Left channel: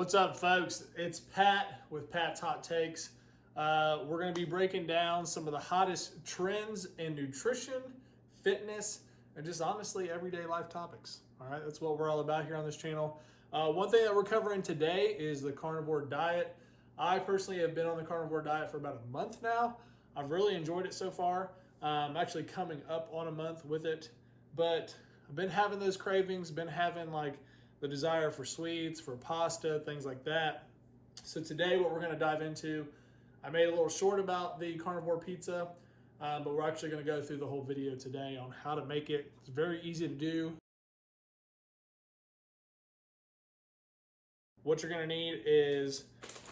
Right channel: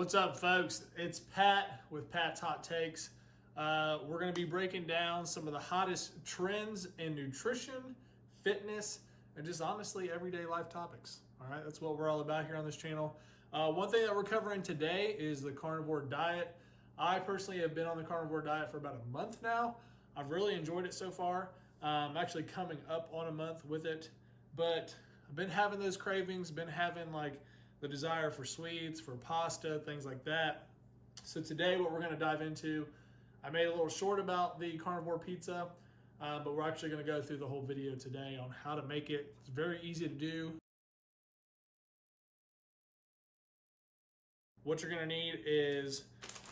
What's up, folks? It's Pat with Pat's Hot Takes. We're going to be breaking down some of the hottest trends in nutrition, fitness, and just honestly everyday life topics. All right, that's what we're all about here on this channel. One thing that we're covering today is the carnivore diet. I personally have been on the carnivore diet for about a month now. I've really enjoyed it so far. I'm actually coming up on a month with it, but I've been having those cravings, been having like the desire for sweets, for pasta, things like that. So today what we're going to dive into, I made a little short about the carnivore pizza, but we're actually going to go through the whole video today on how to make it. It's very easy to do. What you're going to need is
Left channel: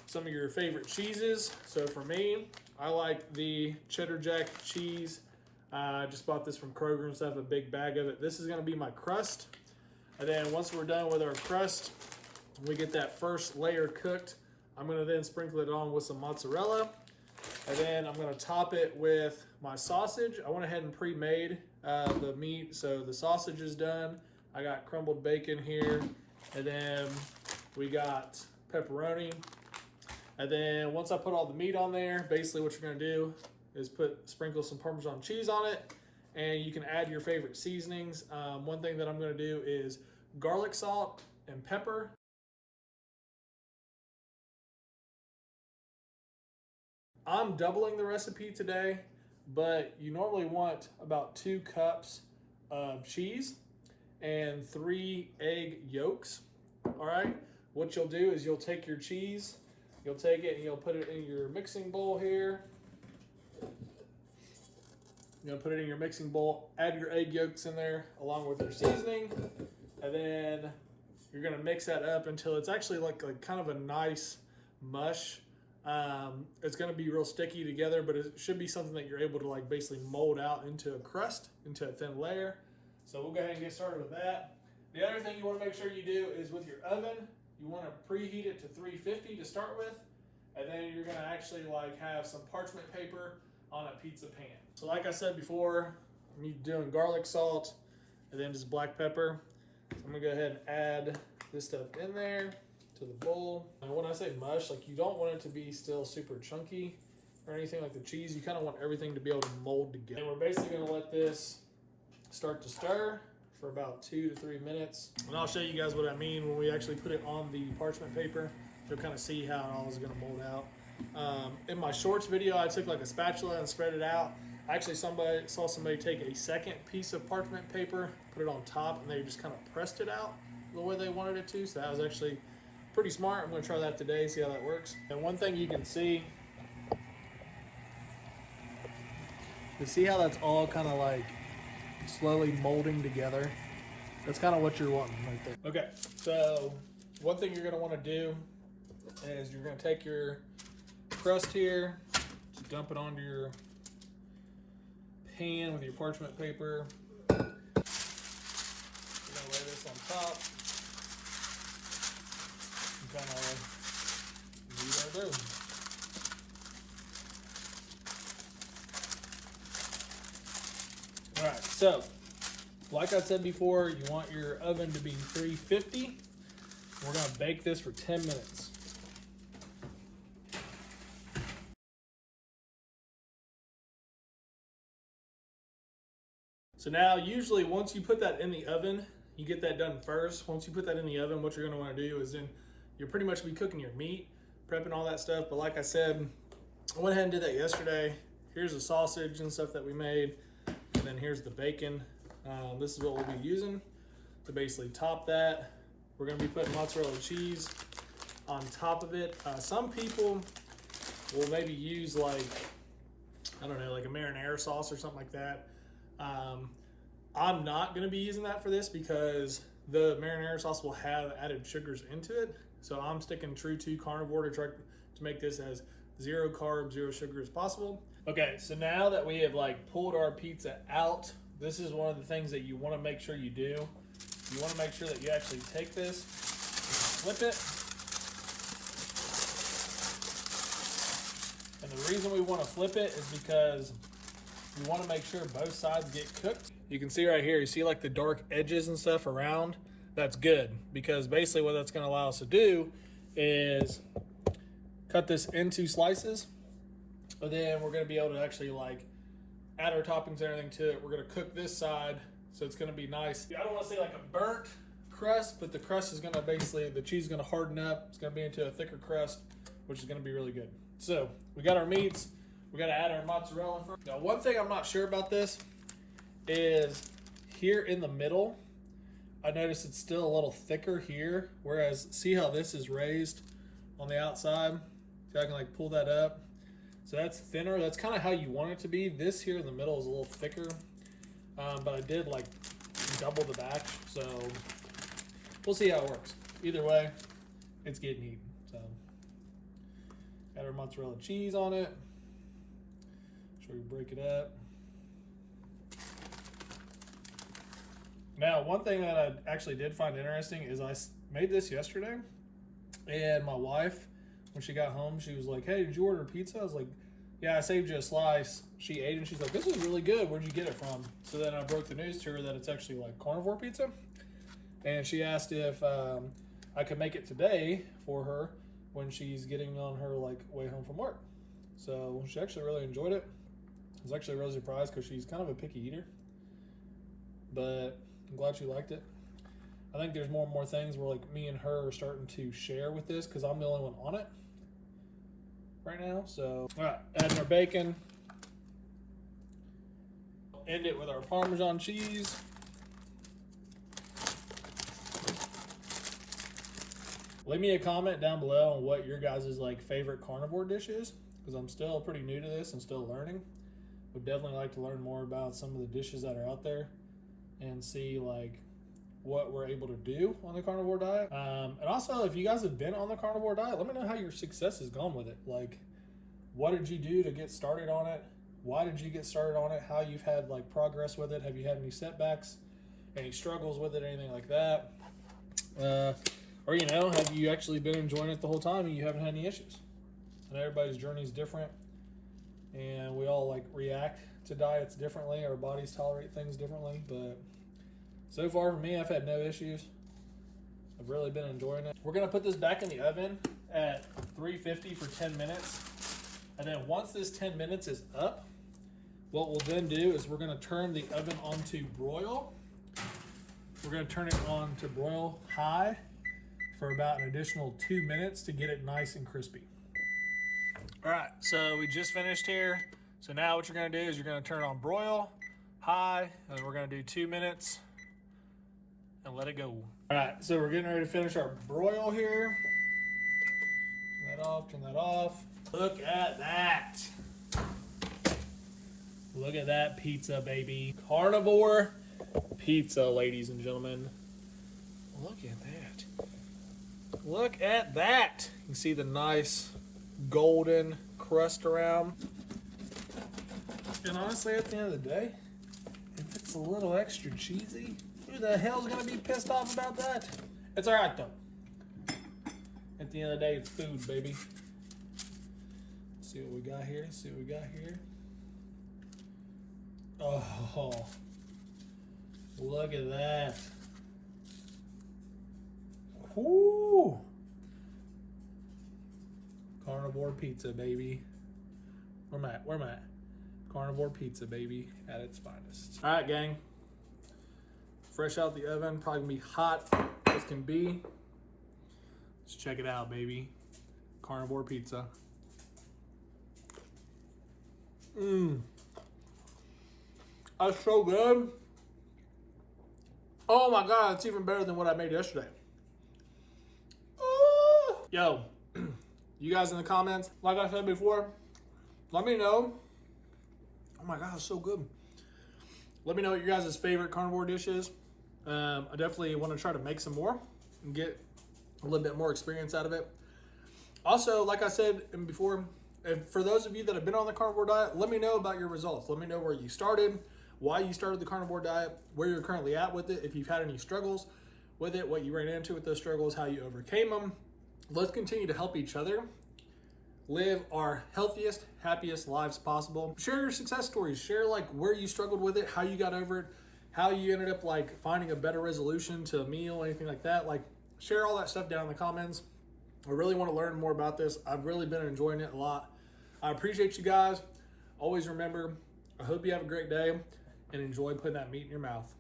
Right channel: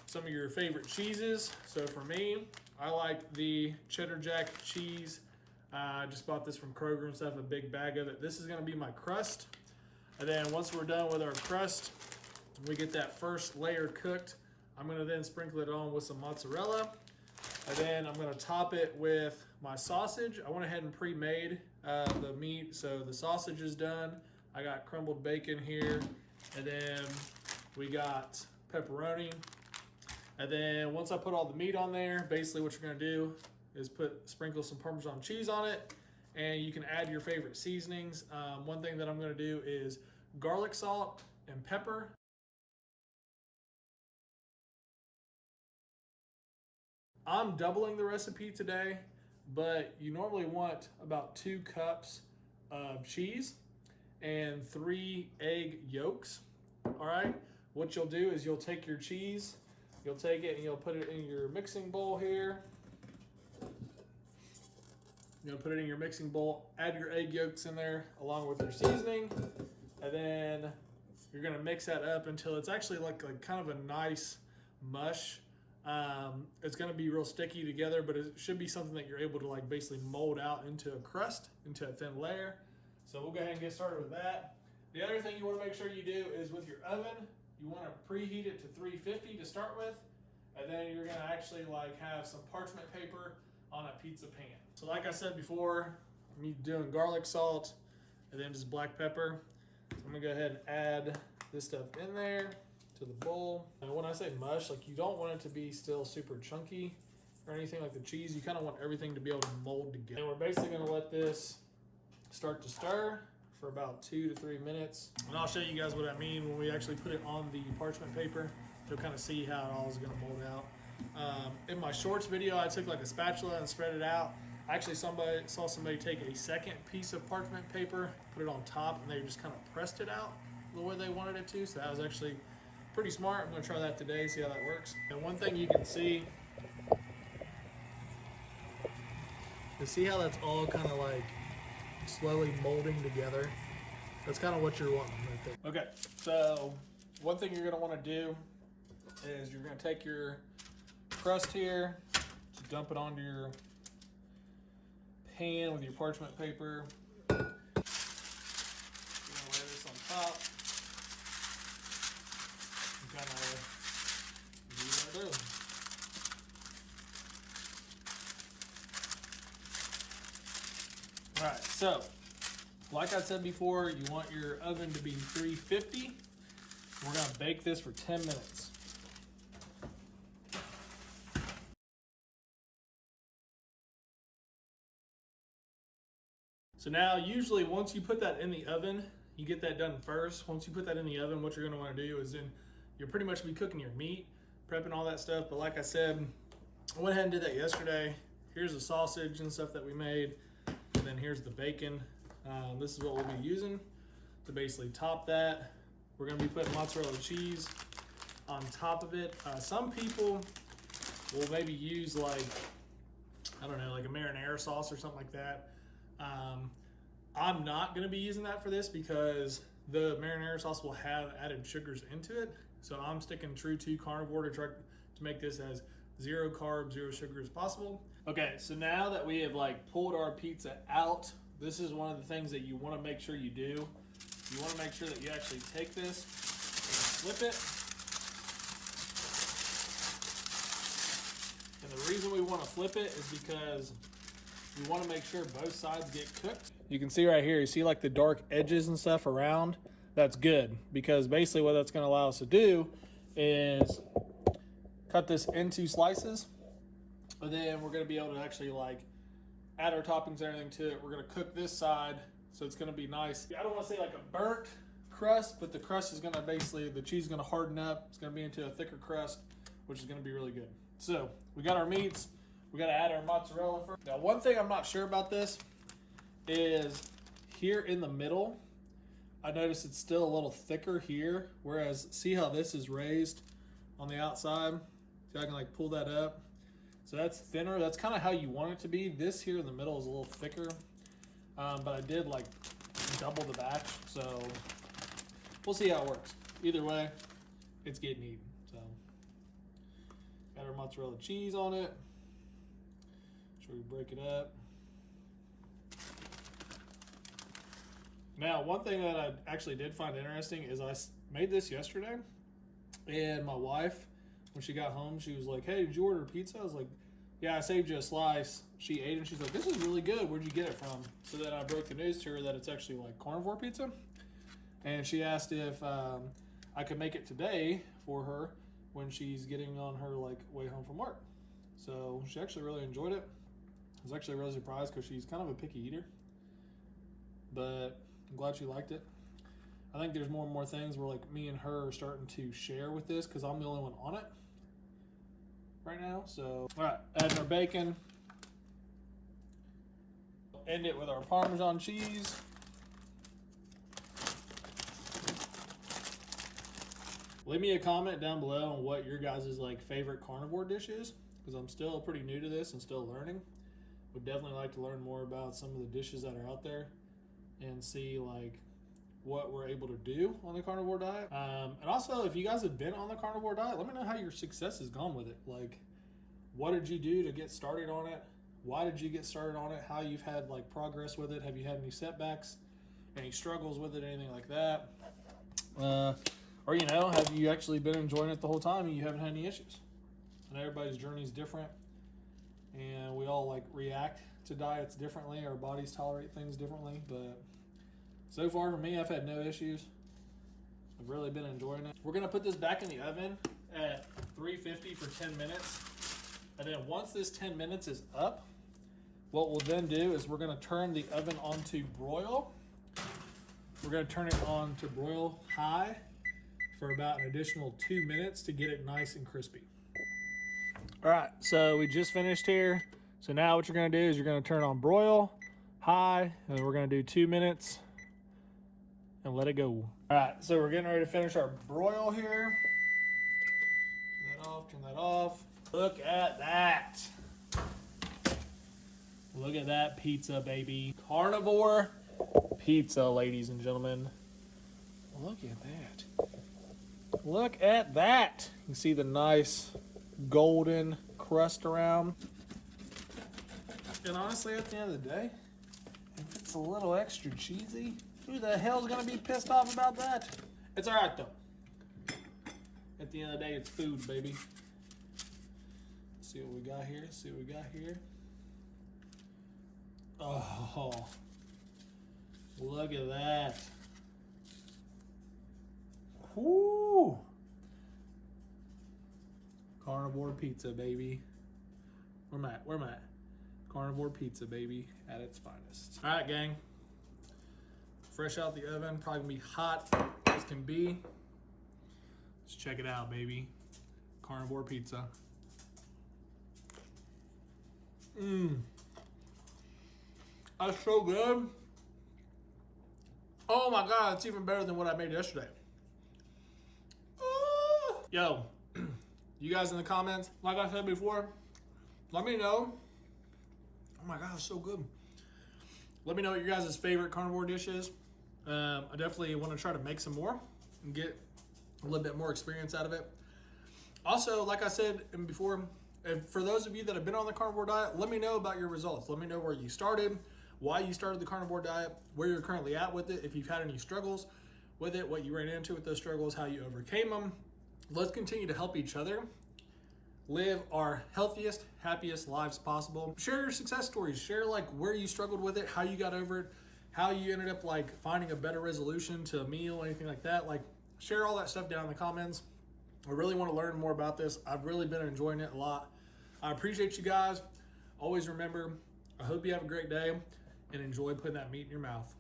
some of your favorite cheeses. So for me, I like the cheddar jack cheese. I just bought this from Kroger and stuff, a big bag of it. This is going to be my crust. And then once we're done with our crust, we get that first layer cooked. I'm gonna then sprinkle it on with some mozzarella. And then I'm gonna top it with my sausage. I went ahead and pre-made the meat. So the sausage is done. I got crumbled bacon here. And then we got pepperoni. And then once I put all the meat on there, basically what you're gonna do is sprinkle some Parmesan cheese on it. And you can add your favorite seasonings. One thing that I'm gonna do is garlic salt and pepper. I'm doubling the recipe today, but you normally want about 2 cups of cheese and 3 egg yolks. All right, what you'll do is you'll take your cheese, you'll take it and you'll put it in your mixing bowl here. You're gonna put it in your mixing bowl, add your egg yolks in there along with your seasoning, and then you're gonna mix that up until it's actually like kind of a nice mush. It's gonna be real sticky together, but it should be something that you're able to like basically mold out into a crust, into a thin layer. So we'll go ahead and get started with that. The other thing you wanna make sure you do is with your oven, you wanna preheat it to 350 to start with, and then you're gonna actually like have some parchment paper on a pizza pan. So like I said before, I'm doing garlic salt and then just black pepper. I'm gonna go ahead and add this stuff in there to the bowl. And when I say mush, like you don't want it to be still super chunky or anything like the cheese. You kind of want everything to be able to mold together. And we're basically gonna let this start to stir for about 2 to 3 minutes. And I'll show you guys what I mean when we actually put it on the parchment paper. You'll kind of see how it all is gonna mold out. In my shorts video, I took like a spatula and spread it out. Actually, saw somebody take a second piece of parchment paper, put it on top, and they just kind of pressed it out the way they wanted it to. So that was actually pretty smart. I'm gonna try that today, see how that works. And one thing you can see, you see how that's all kind of like slowly molding together? That's kind of what you're wanting right there. Okay, so one thing you're gonna wanna do is you're gonna take your crust here, just dump it onto your pan with your parchment paper. You're gonna lay this on top and kind of leave that through. All right, so like I said before, you want your oven to be 350. We're gonna bake this for 10 minutes. So now usually once you put that in the oven, you get that done first. Once you put that in the oven, what you're gonna wanna do is then you'll pretty much be cooking your meat, prepping all that stuff. But like I said, I went ahead and did that yesterday. Here's the sausage and stuff that we made. And then here's the bacon. This is what we'll be using to basically top that. We're gonna be putting mozzarella cheese on top of it. Some people will maybe use like, I don't know, like a marinara sauce or something like that. I'm not going to be using that for this because the marinara sauce will have added sugars into it. So I'm sticking true to carnivore to try to make this as 0 carb, 0 sugar as possible. Okay, so now that we have like pulled our pizza out, this is one of the things that you want to make sure you do. You want to make sure that you actually take this and flip it. And the reason we want to flip it is because you want to make sure both sides get cooked. You can see right here, you see like the dark edges and stuff around? That's good, because basically what that's going to allow us to do is cut this into slices, and then we're gonna be able to actually like add our toppings and everything to it. We're gonna cook this side, so it's gonna be nice. I don't wanna say like a burnt crust, but the crust is gonna basically, the cheese is gonna harden up. It's gonna be into a thicker crust, which is gonna be really good. So we got our meats. We gotta add our mozzarella first. Now, one thing I'm not sure about this is here in the middle, I noticed it's still a little thicker here, whereas see how this is raised on the outside? See, I can like pull that up. So that's thinner. That's kind of how you want it to be. This here in the middle is a little thicker, but I did like double the batch, so we'll see how it works. Either way, it's getting eaten. So got our mozzarella cheese on it. Sure we break it up. Now, one thing that I actually did find interesting is I made this yesterday, and my wife, when she got home, she was like, "Hey, did you order pizza?" I was like, "Yeah, I saved you a slice." She ate it, and she's like, "This is really good. Where'd you get it from?" So then I broke the news to her that it's actually like Carnivore pizza, and she asked if I could make it today for her when she's getting on her like way home from work. So she actually really enjoyed it. I was actually really surprised because she's kind of a picky eater, but I'm glad she liked it. I think there's more and more things where like me and her are starting to share with this because I'm the only one on it right now. So, all right, adding our bacon. End it with our Parmesan cheese. Leave me a comment down below on what your guys' like favorite carnivore dish is, because I'm still pretty new to this and still learning. Would definitely like to learn more about some of the dishes that are out there and see like what we're able to do on the carnivore diet. And also, if you guys have been on the carnivore diet, let me know how your success has gone with it. Like, what did you do to get started on it? Why did you get started on it? How you've had like progress with it? Have you had any setbacks, any struggles with it, anything like that? Or, you know, have you actually been enjoying it the whole time and you haven't had any issues? And everybody's journey is different, and we all like react to diets differently. Our bodies tolerate things differently, but so far for me, I've had no issues. I've really been enjoying it. We're gonna put this back in the oven at 350 for 10 minutes. And then once this 10 minutes is up, what we'll then do is we're gonna turn the oven on to broil. We're gonna turn it on to broil high for about an additional 2 minutes to get it nice and crispy. All right, so we just finished here. So now what you're gonna do is you're gonna turn on broil high, and then we're gonna do 2 minutes and let it go. All right, so we're getting ready to finish our broil here. Turn that off, turn that off. Look at that. Look at that pizza, baby. Carnivore pizza, ladies and gentlemen. Look at that. Look at that. You can see the nice golden crust around. And honestly, at the end of the day, if it's a little extra cheesy, who the hell's gonna be pissed off about that? It's all right though. At the end of the day, it's food, baby. Let's see what we got here. See what we got here. Oh, look at that. Whoo! Carnivore pizza, baby. Where am I at? Where am I at? Carnivore pizza, baby, at its finest. All right, gang. Fresh out the oven, probably gonna be hot as can be. Let's check it out, baby. Carnivore pizza. That's so good. Oh my God, it's even better than what I made yesterday. Yo, you guys in the comments, like I said before, let me know. Oh my God, it's so good. Let me know what your guys' favorite carnivore dish is. I definitely want to try to make some more and get a little bit more experience out of it. Also, like I said before, for those of you that have been on the carnivore diet, let me know about your results. Let me know where you started, why you started the carnivore diet, where you're currently at with it, if you've had any struggles with it, what you ran into with those struggles, how you overcame them. Let's continue to help each other live our healthiest, happiest lives possible. Share your success stories. Share like where you struggled with it, how you got over it, how you ended up like finding a better resolution to a meal, anything like that. Like share all that stuff down in the comments. I really want to learn more about this. I've really been enjoying it a lot. I appreciate you guys. Always remember, I hope you have a great day and enjoy putting that meat in your mouth.